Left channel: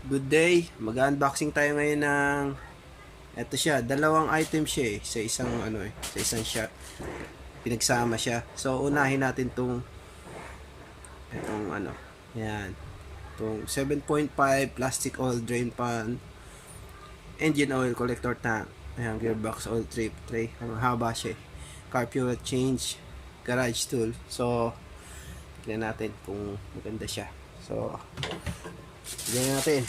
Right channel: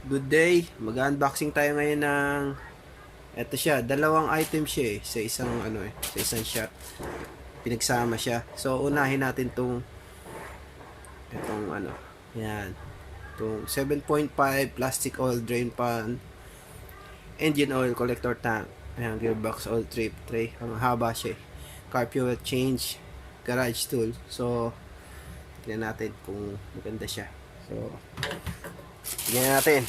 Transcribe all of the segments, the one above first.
Good day, mag-unboxing tayo ngayon ng eto siya, dalawang item siya sa isang sa isang shot. Pinagsama siya. So unahin natin itong yan. Itong 7.5 plastic oil drain pan, engine oil collector tank. Ayan, gearbox oil trip tray. Ang haba siya. Car fuel change, garage tool. So tingnan natin kung maganda siya. So tingnan natin.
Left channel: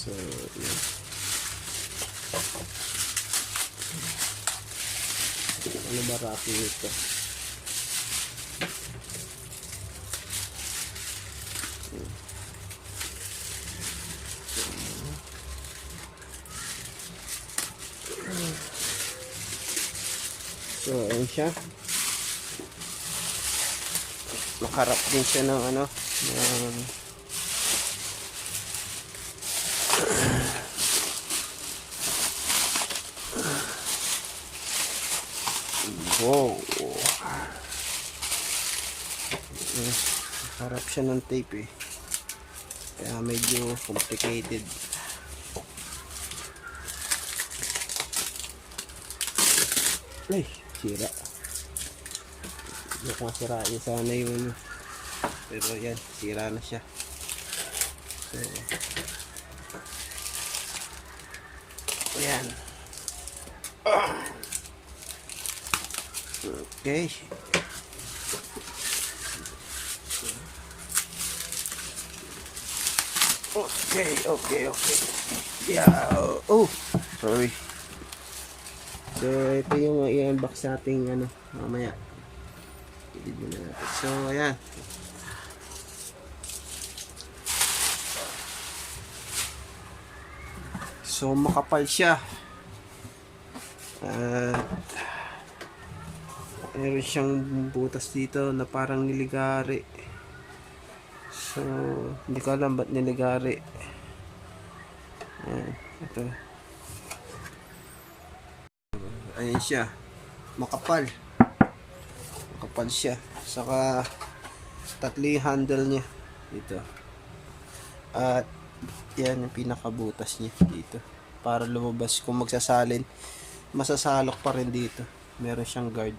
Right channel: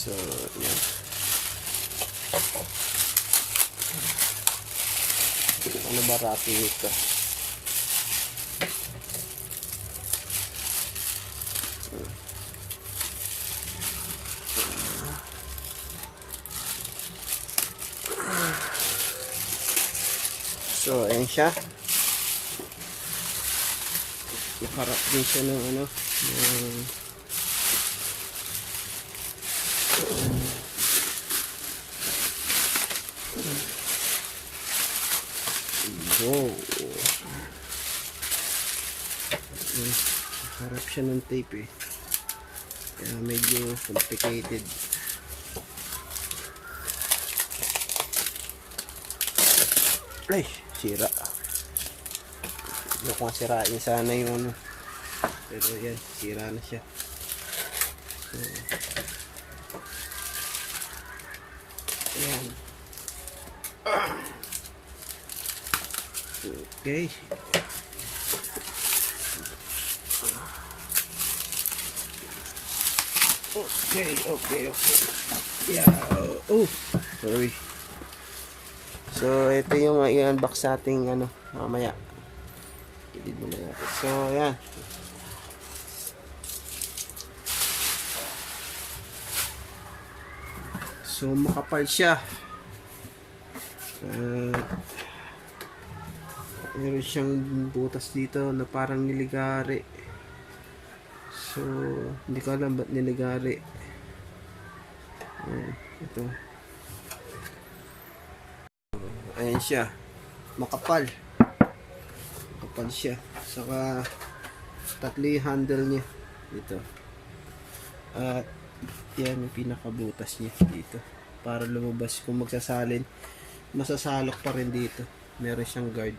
So, yan. Ano ba wrapping ito? So, ayan siya. Nakarap din siya ng ng wow. Harap siya ng tape kaya medyo complicated. Ay, sira. Mukhang sirain sana yung pero yan, sira na siya. So, yan. Okay. Okay. Yeah. Oh, sorry. So, ito yung i-unbox nating mamaya. Edit muna natin. So, ayan. So, makapal siya. Meron siyang butas dito na parang niligari. So, hindi ko alam ba't niligari. Ayan, ito. Ayan siya. Makapal. Makapal siya. Saka, tatlo yung handle niya. Dito. At, yan yung pinakabutas niya dito. Para lumabas kung magsasalin. Masasalok pa rin dito. Meron siyang guard.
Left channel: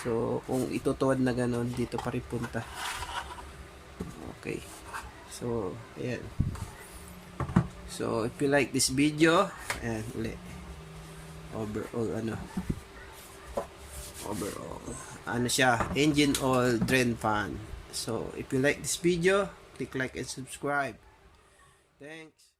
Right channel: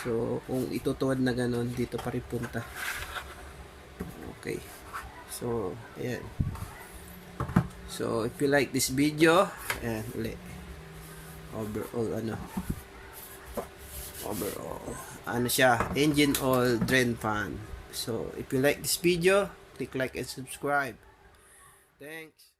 So, kung itutuwad na ganun, dito pa rin punta. Okay. So, ayan. So, if you like this video, ayan, ulit. Overall, siya, engine oil drain pan. So, if you like this video, click like and subscribe. Thanks.